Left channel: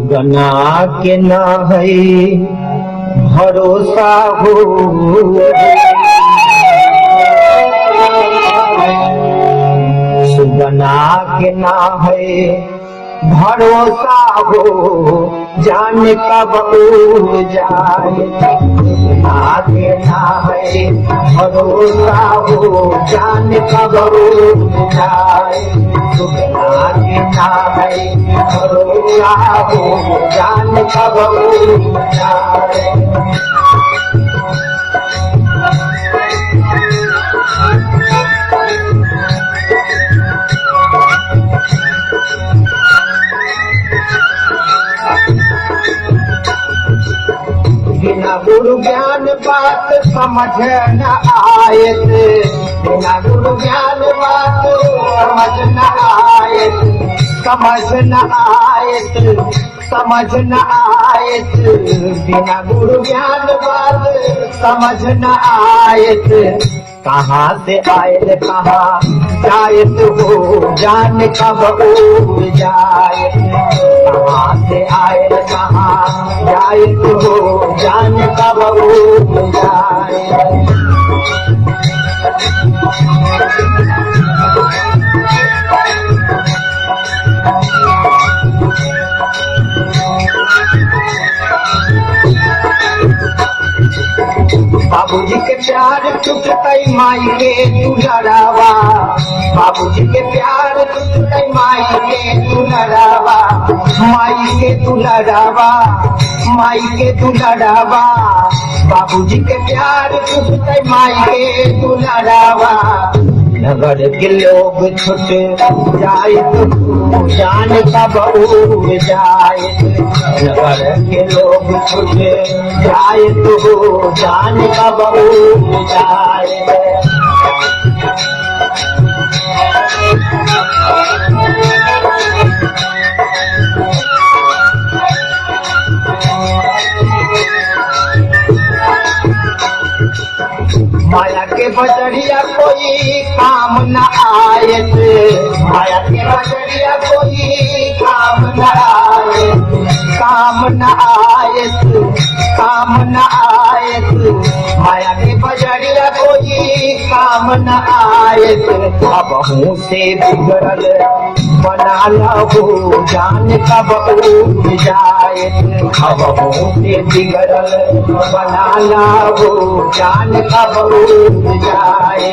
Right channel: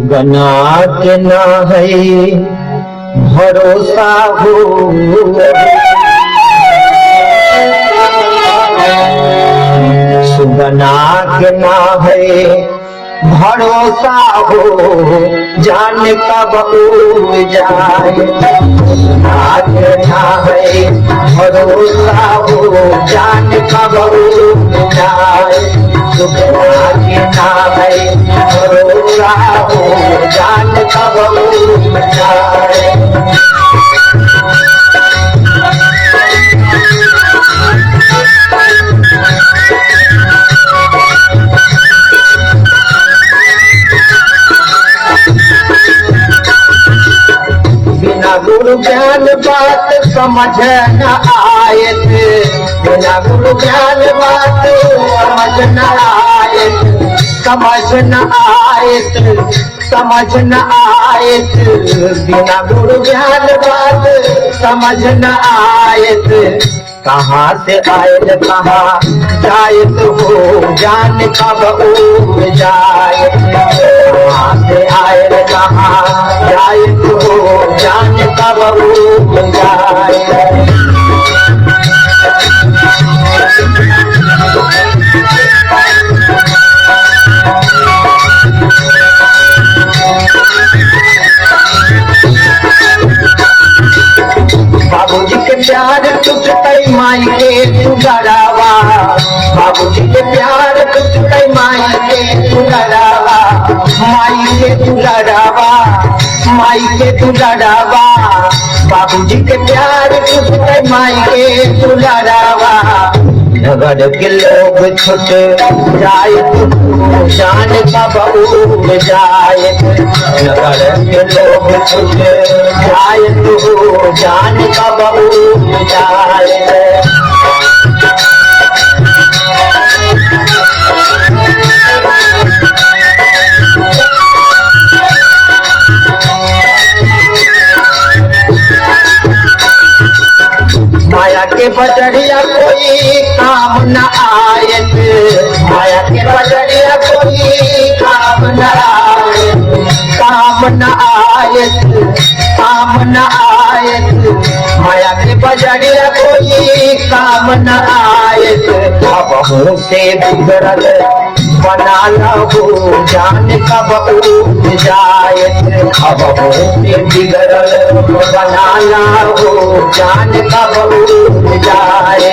सुगना के न है भरोसा हो, सुगना के न है भरोसा हो, जान कब उड़ जाए। सुगना के न है भरोसा हो, जान कब उड़ जाए। सुगना के न है भरोसा हो, जान कब उड़ जाए। बिना गुरु ज्ञान बात समझ न आए थे, बिना गुरु ज्ञान बात समझ न आए थे, समझ न आए थे, समझ न आए थे। बिना गुरु ज्ञान बात समझ न आए थे, कहाँ से आए कहाँ जाए हो, जान कब उड़ जाए। कहाँ से आए कहाँ जाए हो, जान कब उड़ जाए। बाबूजी के प्यार टूटते माई के दुलारावा, बाबूजी के प्यार टूटते माई के दुलारावा, माई के दुलारावा, माई के दुलारावा। बाबूजी के प्यार टूटते माई के दुलारावा। नगर के लोग छुट जाए तो जान कब उड़ जाए। नगर के लोग छुट जाए तो जान कब उड़ जाए। माया के बजरिया कोई काम न आए थे, माया के बजरिया कोई काम न आए, काम न आए थे, काम न आए थे। माया के बजरिया कोई काम न आए थे। अब मुँह से बिगड़ल बना लो, जान कब उड़ जाए। अब मुँह से बिगड़ल बना लो, जान कब उड़ जाए।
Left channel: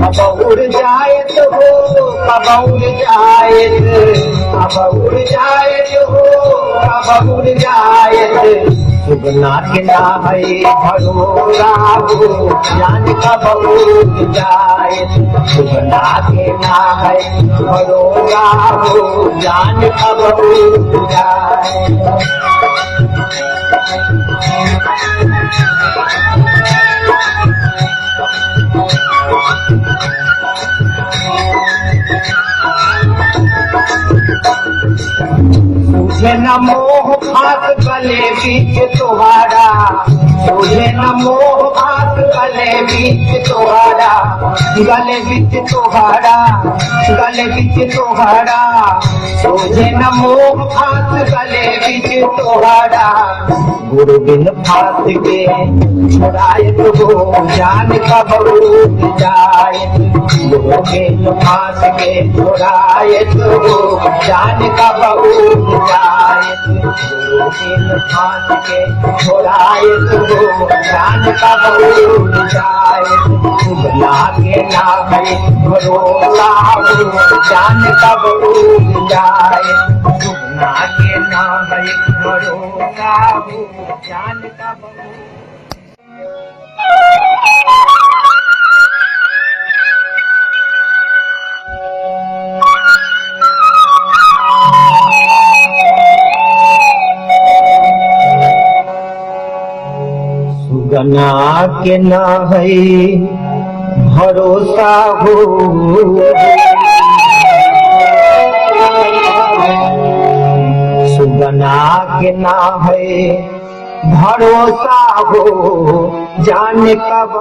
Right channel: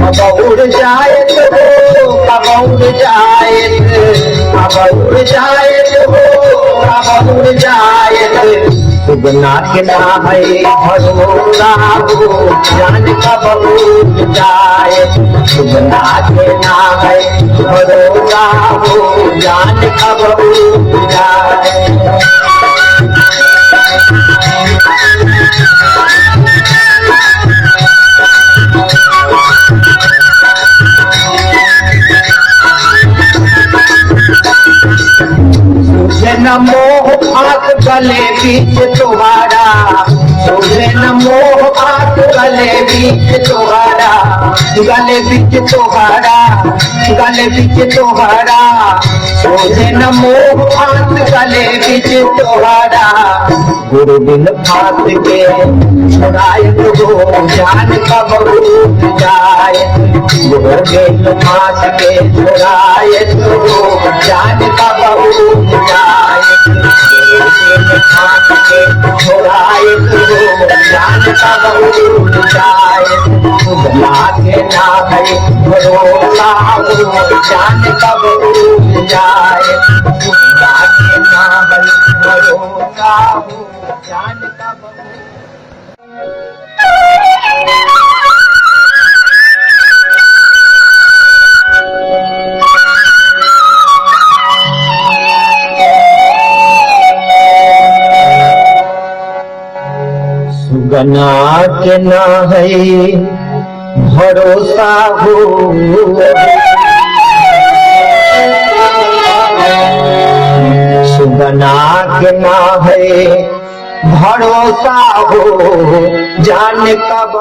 कब उड़ जाए तो कब उड़ जाए, कब उड़ जाए तो कब उड़ जाए। सुगना के ना है भरोसा हो, जान कब उड़ जाए। सुगना के ना है भरोसा हो, जान कब उड़ जाए। तुझे न मोह हाथ गले बीच तुम्हारा, तुझे न मोह हाथ गले बीच तुम्हारा, गले बीच तुम्हारा, गले बीच तुम्हारा। तुझे न मोह हाथ गले बीच तुम्हारा। गुरु बिन फात के छुड़ाए तो जान कब उड़ जाए। गुरु बिन फात के छुड़ाए तो जान कब उड़ जाए। गुरु बिन फात के छुड़ाए तो जान कब उड़ जाए। सुगना के ना है भरोसा हो, जान कब उड़ जाए। सुगना के ना है भरोसा हो, जान कब सुगना के ना है भरोसा हो, सुगना के ना है भरोसा हो, जाने कब